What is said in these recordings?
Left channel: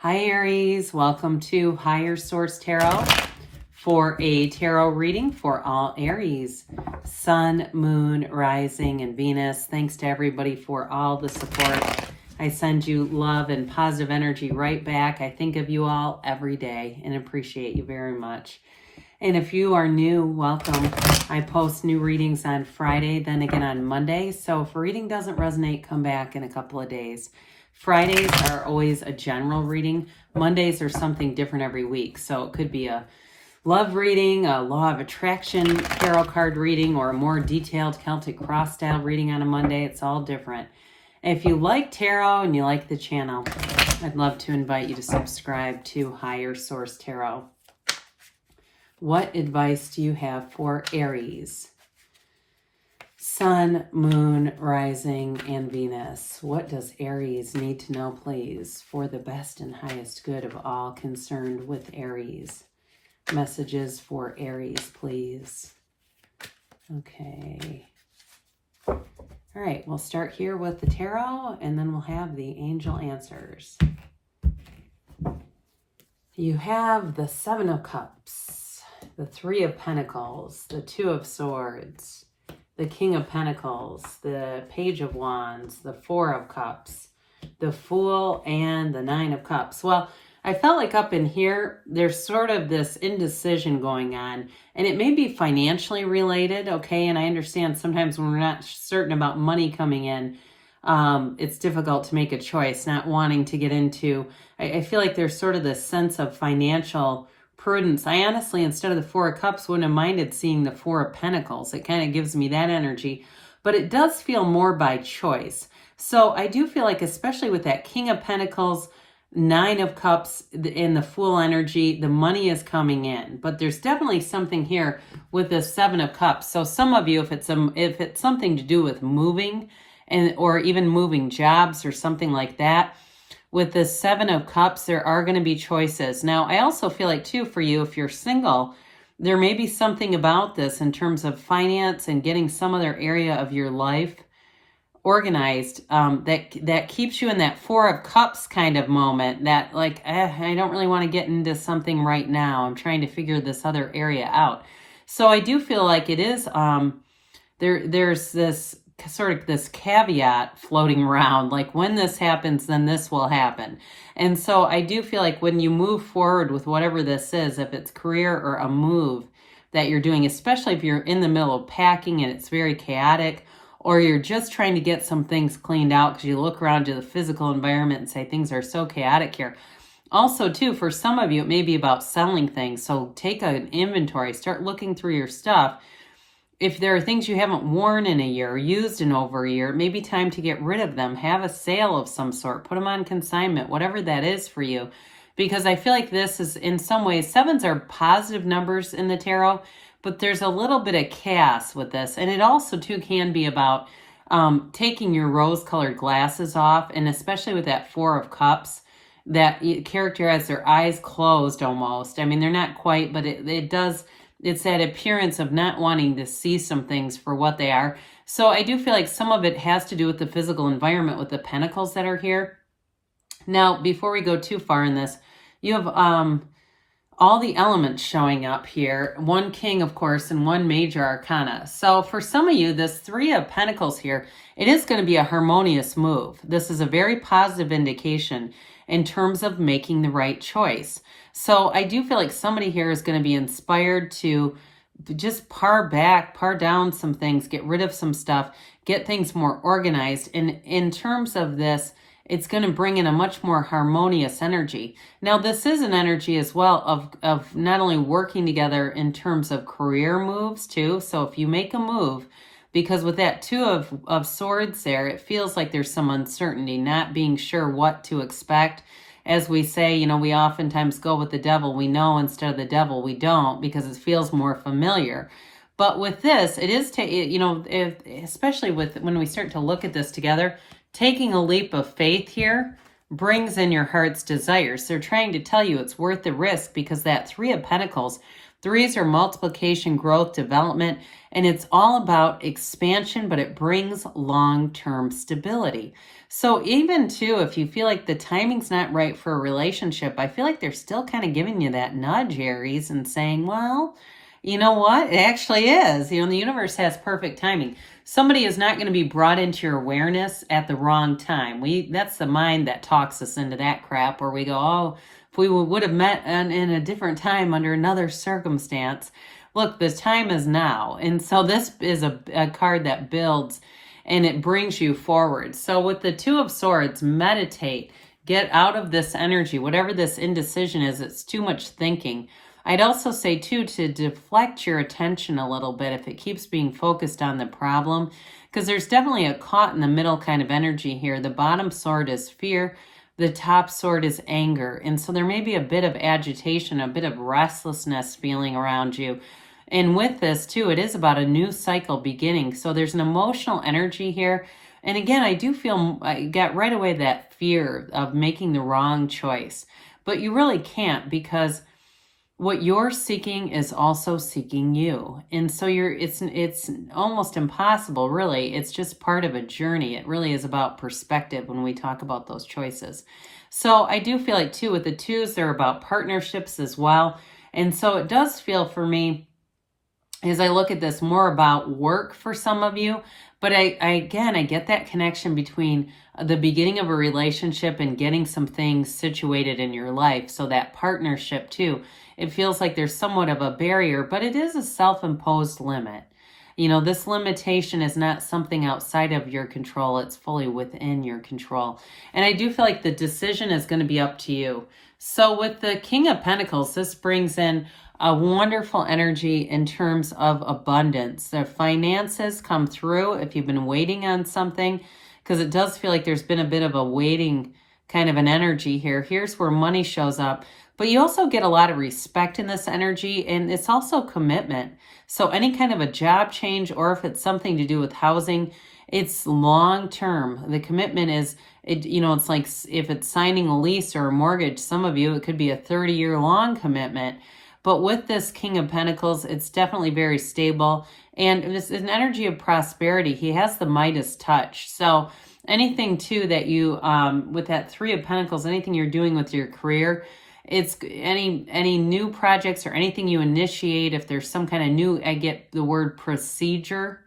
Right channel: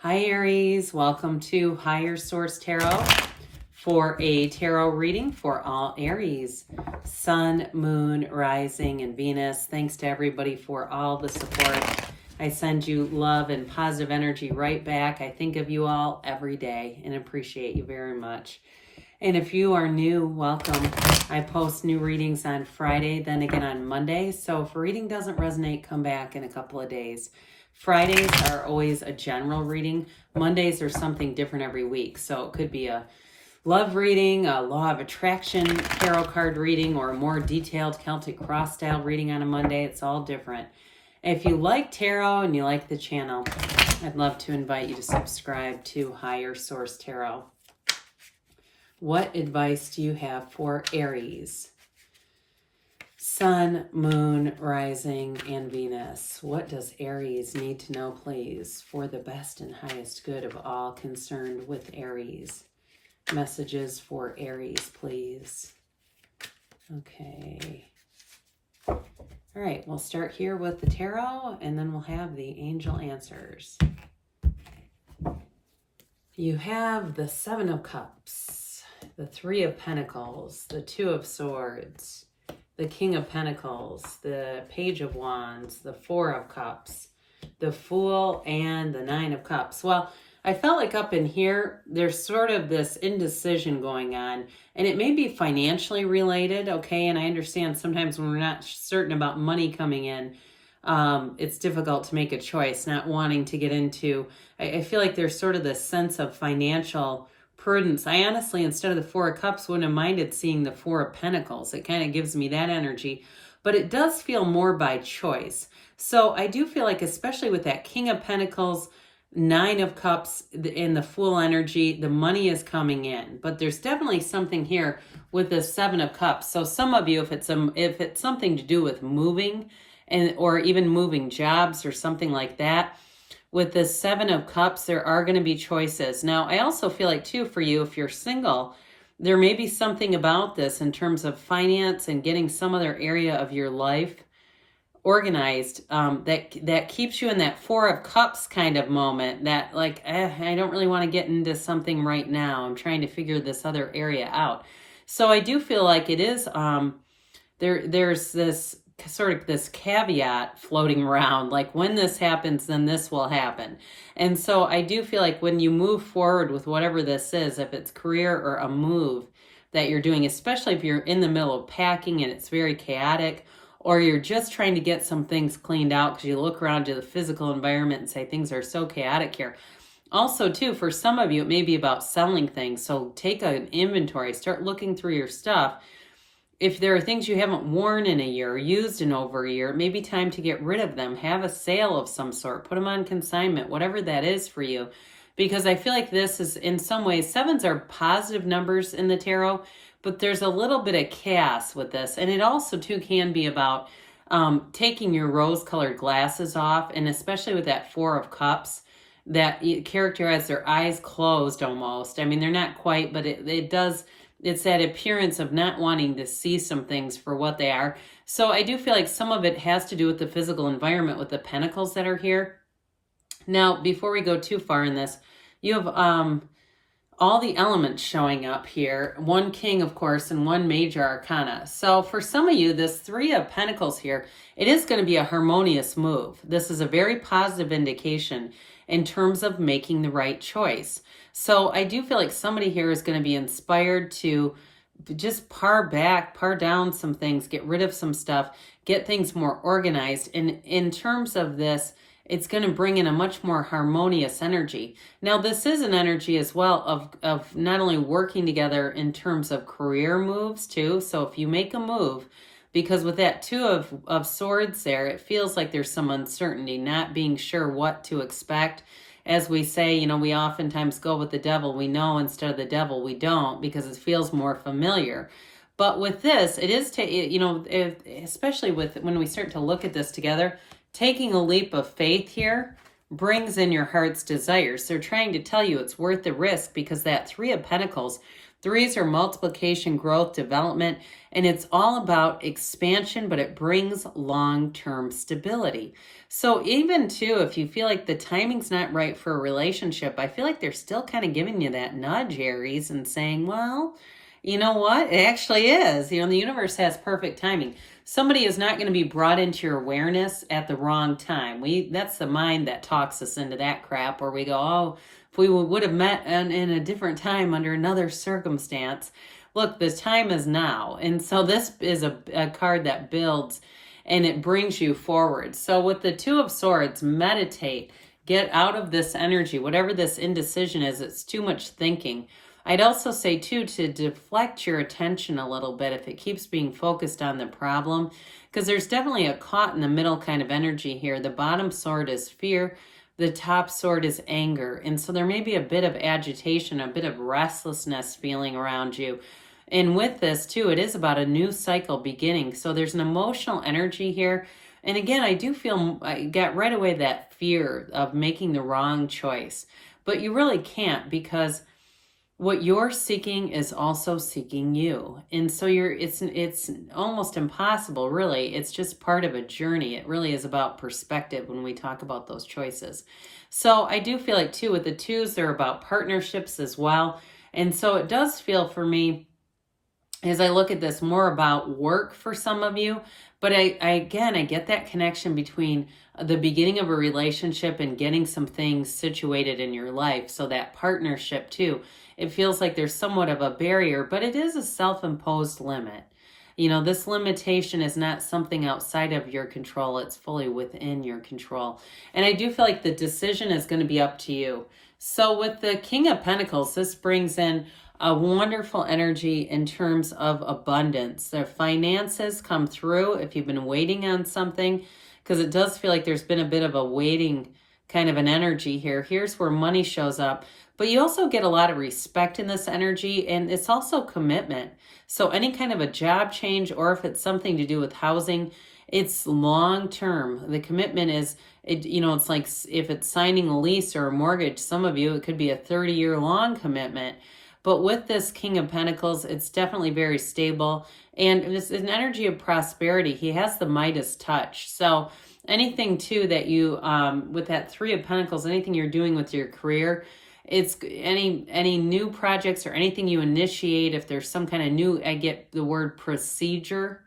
Hi Aries, welcome to Higher Source Tarot for a tarot reading for all Aries, Sun, Moon, Rising, and Venus. Thanks to everybody for all the support. I send you love and positive energy right back. I think of you all every day and appreciate you very much. And if you are new, welcome. I post new readings on Friday, then again on Monday. So if a reading doesn't resonate, come back in a couple of days. Fridays are always a general reading. Mondays are something different every week. So it could be a love reading, a law of attraction tarot card reading, or a more detailed Celtic cross style reading on a Monday. It's all different. If you like tarot and you like the channel, I'd love to invite you to subscribe to Higher Source Tarot. What advice do you have for Aries? Sun, Moon, Rising, and Venus. What does Aries need to know, please, for the best and highest good of all concerned with Aries? Messages for Aries, please. Okay. All right, we'll start here with the tarot, and then we'll have the angel answers. You have the Seven of Cups, the Three of Pentacles, the Two of Swords, the King of Pentacles, the Page of Wands, the Four of Cups, the Fool, and the Nine of Cups. Well, I felt like up in here, there's sort of this indecision going on, and it may be financially related, okay? And I understand sometimes when we're not certain about money coming in, it's difficult to make a choice, not wanting to get into, I feel like there's sort of this sense of financial prudence. I honestly, instead of the Four of Cups, wouldn't have minded seeing the Four of Pentacles. It kind of gives me that energy, but it does feel more by choice. So I do feel like, especially with that King of Pentacles, Nine of Cups, in the Fool energy, the money is coming in, but there's definitely something here with the Seven of Cups. So some of you, if it's something to do with moving or even moving jobs or something like that, with the Seven of Cups, there are going to be choices. Now, I also feel like, too, for you, if you're single, there may be something about this in terms of finance and getting some other area of your life organized that keeps you in that Four of Cups kind of moment that, like, I don't really want to get into something right now. I'm trying to figure this other area out. So I do feel like it is, there's this sort of this caveat floating around, like when this happens, then this will happen. And so I do feel like when you move forward with whatever this is, if it's career or a move that you're doing, especially if you're in the middle of packing and it's very chaotic, or you're just trying to get some things cleaned out because you look around to the physical environment and say things are so chaotic here. Also, too, for some of you, it may be about selling things. So take an inventory, start looking through your stuff. If there are things you haven't worn in a year or used in over a year, it may be time to get rid of them. Have a sale of some sort. Put them on consignment, whatever that is for you. Because I feel like this is, in some ways, sevens are positive numbers in the tarot, but there's a little bit of chaos with this. And it also, too, can be about taking your rose-colored glasses off, and especially with that Four of Cups, that character has their eyes closed almost. I mean, they're not quite, but it does... It's that appearance of not wanting to see some things for what they are. So I do feel like some of it has to do with the physical environment with the pentacles that are here. Now, before we go too far in this, you have all the elements showing up here. One king, of course, and one major arcana. So for some of you, this Three of Pentacles here, it is going to be a harmonious move. This is a very positive indication in terms of making the right choice. So I do feel like somebody here is going to be inspired to just par down some things, get rid of some stuff, get things more organized. And in terms of this, it's going to bring in a much more harmonious energy. Now, this is an energy as well of not only working together in terms of career moves too. So if you make a move, because with that Two of Swords there, it feels like there's some uncertainty, not being sure what to expect. As we say, you know, we oftentimes go with the devil we know instead of the devil we don't, because it feels more familiar. But with this, it is, especially when we start to look at this together, taking a leap of faith here brings in your heart's desires. They're trying to tell you it's worth the risk, because that Three of Pentacles, threes are multiplication, growth, development, and it's all about expansion, but it brings long-term stability. So even too, if you feel like the timing's not right for a relationship, I feel like they're still kind of giving you that nudge, Aries, and saying, well, you know what? It actually is. You know, the universe has perfect timing. Somebody is not going to be brought into your awareness at the wrong time. That's the mind that talks us into that crap where we go, oh, if we would have met in a different time under another circumstance. Look, the time is now. And so this is a card that builds and it brings you forward. So with the Two of Swords, meditate, get out of this energy, whatever this indecision is, it's too much thinking. I'd also say too, to deflect your attention a little bit if it keeps being focused on the problem, because there's definitely a caught in the middle kind of energy here. The bottom sword is fear. The top sword is anger. And so there may be a bit of agitation, a bit of restlessness feeling around you. And with this too, it is about a new cycle beginning. So there's an emotional energy here. And again, I do feel, I got right away that fear of making the wrong choice. But you really can't, because what you're seeking is also seeking you. And so it's almost impossible, really. It's just part of a journey. It really is about perspective when we talk about those choices. So I do feel like too, with the twos, they're about partnerships as well. And so it does feel for me, as I look at this, more about work for some of you. But I get that connection between the beginning of a relationship and getting some things situated in your life. So that partnership too, it feels like there's somewhat of a barrier, but it is a self-imposed limit. You know, this limitation is not something outside of your control. It's fully within your control. And I do feel like the decision is going to be up to you. So with the King of Pentacles, this brings in a wonderful energy in terms of abundance. The finances come through if you've been waiting on something, because it does feel like there's been a bit of a waiting kind of an energy here. Here's where money shows up. But you also get a lot of respect in this energy, and it's also commitment. So any kind of a job change, or if it's something to do with housing, it's long term. The commitment is, it's like if it's signing a lease or a mortgage, some of you, it could be a 30-year long commitment. But with this King of Pentacles, it's definitely very stable. And it's an energy of prosperity. He has the Midas touch. So anything too that you, with that Three of Pentacles, anything you're doing with your career, it's any new projects or anything you initiate, if there's some kind of new, I get the word procedure,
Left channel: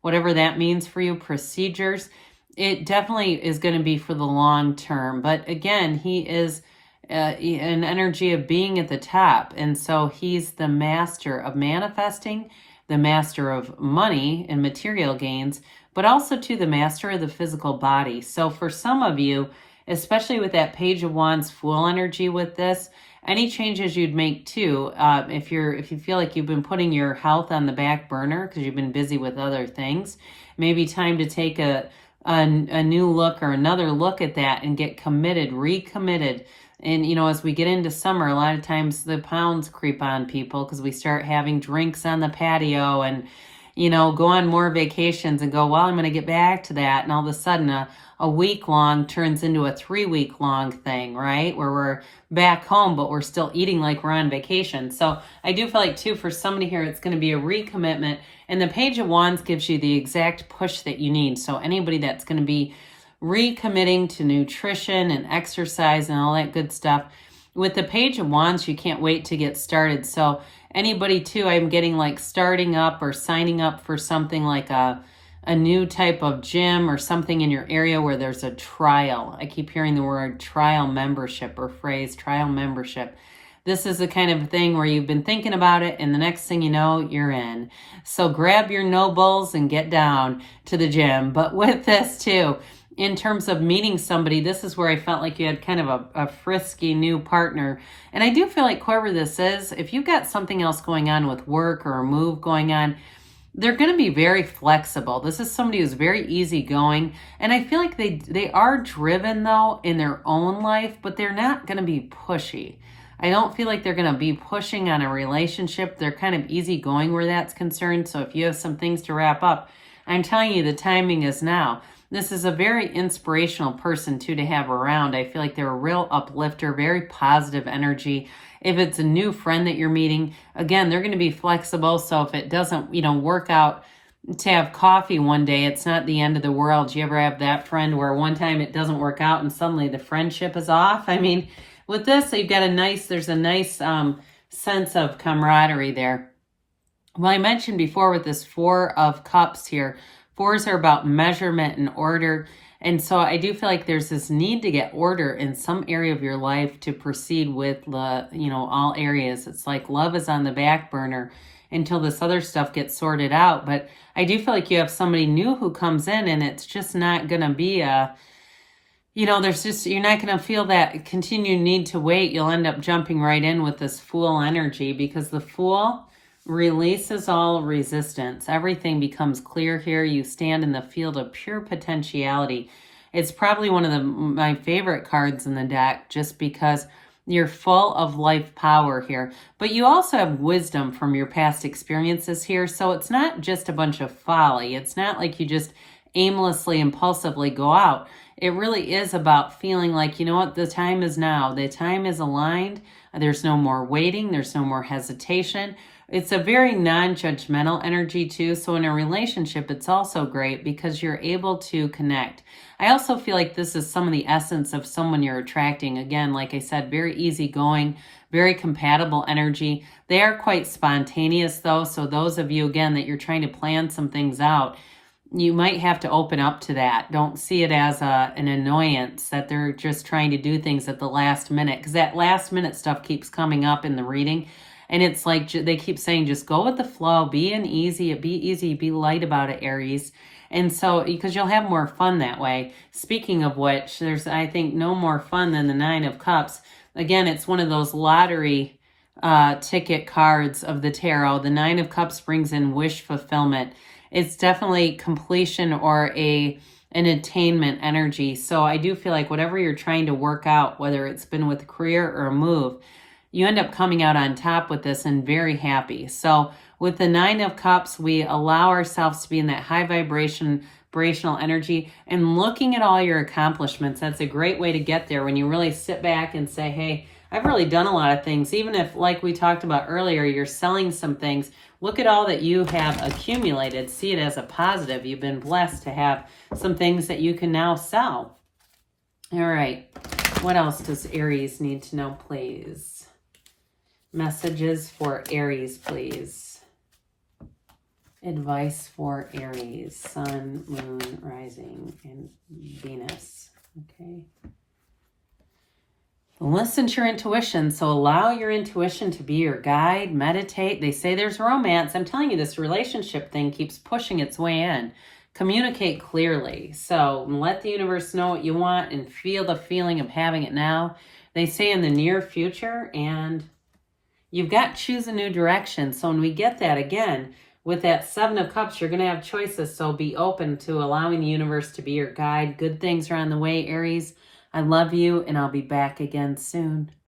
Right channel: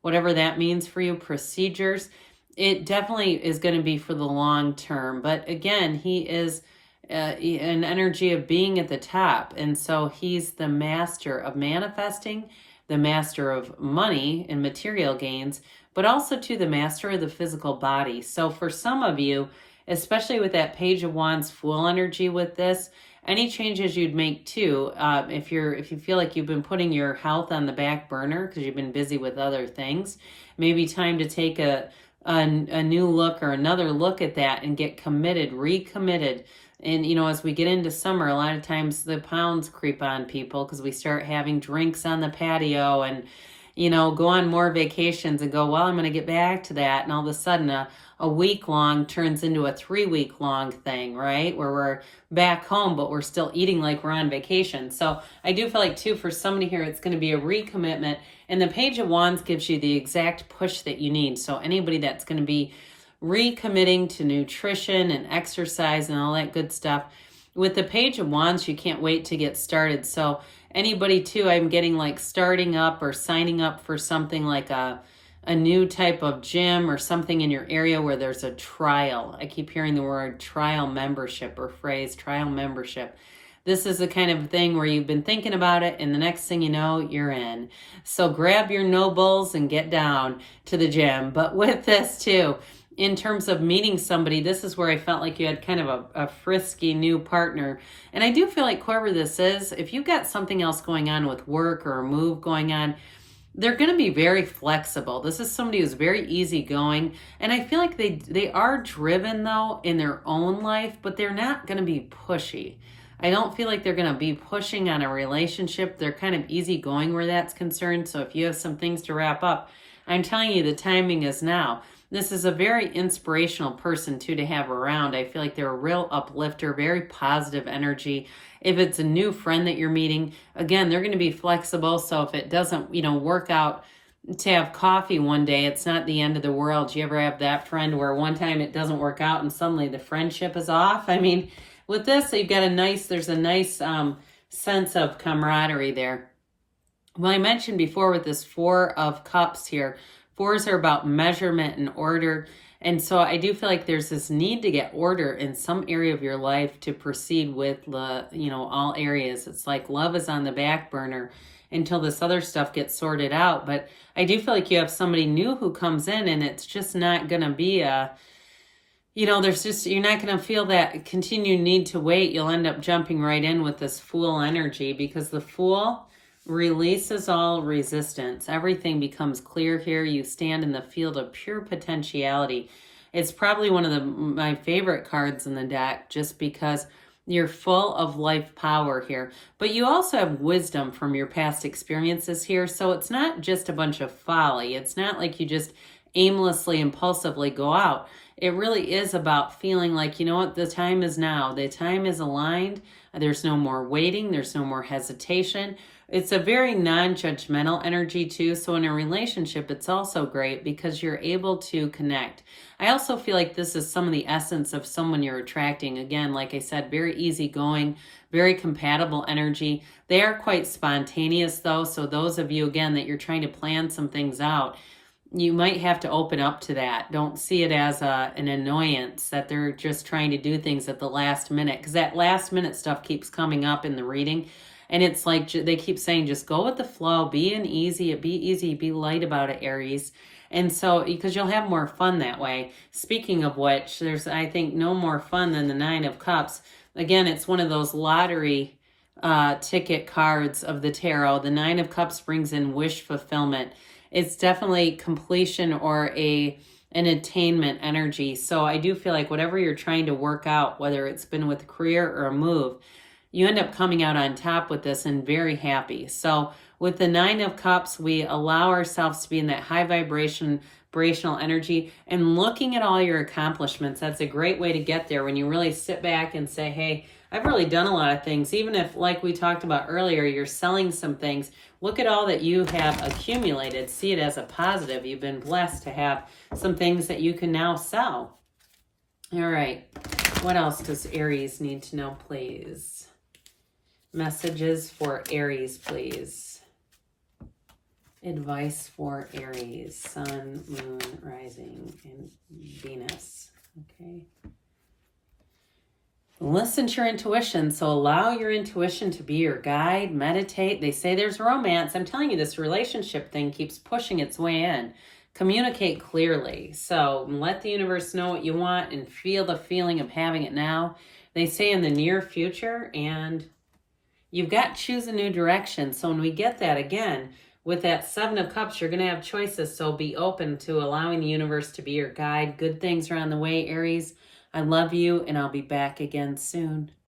whatever that means for you, procedures, it definitely is going to be for the long term. But again, he is an energy of being at the top. And so he's the master of manifesting, the master of money and material gains, but also to the master of the physical body. So for some of you, especially with that Page of Wands Fool energy with this, any changes you'd make too, if you feel like you've been putting your health on the back burner because you've been busy with other things, maybe time to take a new look or another look at that and get committed, recommitted. And, as we get into summer, a lot of times the pounds creep on people because we start having drinks on the patio and, go on more vacations and go, well, I'm going to get back to that. And all of a sudden a week long turns into a 3-week long thing, right? Where we're back home, but we're still eating like we're on vacation. So I do feel like too, for somebody here, it's going to be a recommitment. And the Page of Wands gives you the exact push that you need. So anybody that's going to be recommitting to nutrition and exercise and all that good stuff. With the Page of Wands, you can't wait to get started. So anybody too, I'm getting like starting up or signing up for something like a new type of gym or something in your area where there's a trial. I keep hearing the word trial membership or phrase trial membership. This is the kind of thing where you've been thinking about it and the next thing you know, you're in. So grab your nobles and get down to the gym. But with this too, in terms of meeting somebody, this is where I felt like you had kind of a frisky new partner. And I do feel like whoever this is, if you've got something else going on with work or a move going on, they're going to be very flexible. This is somebody who's very easygoing. And I feel like they are driven, though, in their own life, but they're not going to be pushy. I don't feel like they're going to be pushing on a relationship. They're kind of easygoing where that's concerned. So if you have some things to wrap up, I'm telling you, the timing is now. This is a very inspirational person, too, to have around. I feel like they're a real uplifter, very positive energy. If it's a new friend that you're meeting, again, they're going to be flexible. So if it doesn't, work out to have coffee one day. It's not the end of the world. Do you ever have that friend where one time it doesn't work out and suddenly the friendship is off? I mean, with this, you've got there's a nice sense of camaraderie there. Well, I mentioned before with this Four of Cups here, fours are about measurement and order. And so I do feel like there's this need to get order in some area of your life to proceed with the, all areas. It's like love is on the back burner until this other stuff gets sorted out. But I do feel like you have somebody new who comes in, and it's just not going to be you're not going to feel that continued need to wait. You'll end up jumping right in with this Fool energy, because the Fool releases all resistance. Everything becomes clear here. You stand in the field of pure potentiality. It's probably one of my favorite cards in the deck, just because you're full of life power here. But you also have wisdom from your past experiences here. So it's not just a bunch of folly. It's not like you just aimlessly, impulsively go out. It really is about feeling like, you know what, the time is now. The time is aligned. There's no more waiting. There's no more hesitation. It's a very non-judgmental energy too. So in a relationship, it's also great because you're able to connect. I also feel like this is some of the essence of someone you're attracting. Again, like I said, very easygoing, very compatible energy. They are quite spontaneous though. So those of you, again, that you're trying to plan some things out, you might have to open up to that. Don't see it as an annoyance that they're just trying to do things at the last minute, because that last minute stuff keeps coming up in the reading. And it's like they keep saying, just go with the flow, be easy, be light about it, Aries. And so, because you'll have more fun that way. Speaking of which, there's, I think, no more fun than the Nine of Cups. Again, it's one of those lottery ticket cards of the tarot. The Nine of Cups brings in wish fulfillment. It's definitely completion or an attainment energy. So I do feel like whatever you're trying to work out, whether it's been with a career or a move, you end up coming out on top with this and very happy. So with the Nine of Cups, we allow ourselves to be in that high vibrational energy and looking at all your accomplishments. That's a great way to get there when you really sit back and say, hey, I've really done a lot of things. Even if, like we talked about earlier, you're selling some things, look at all that you have accumulated. See it as a positive. You've been blessed to have some things that you can now sell. All right. What else does Aries need to know, please? Messages for Aries, please. Advice for Aries, Sun, Moon, Rising, and Venus. Okay. Listen to your intuition. So allow your intuition to be your guide. Meditate. They say there's romance. I'm telling you, this relationship thing keeps pushing its way in. Communicate clearly. So let the universe know what you want and feel the feeling of having it now. They say in the near future, and you've got to choose a new direction. So when we get that again, with that Seven of Cups, you're going to have choices. So be open to allowing the universe to be your guide. Good things are on the way, Aries. I love you, and I'll be back again soon.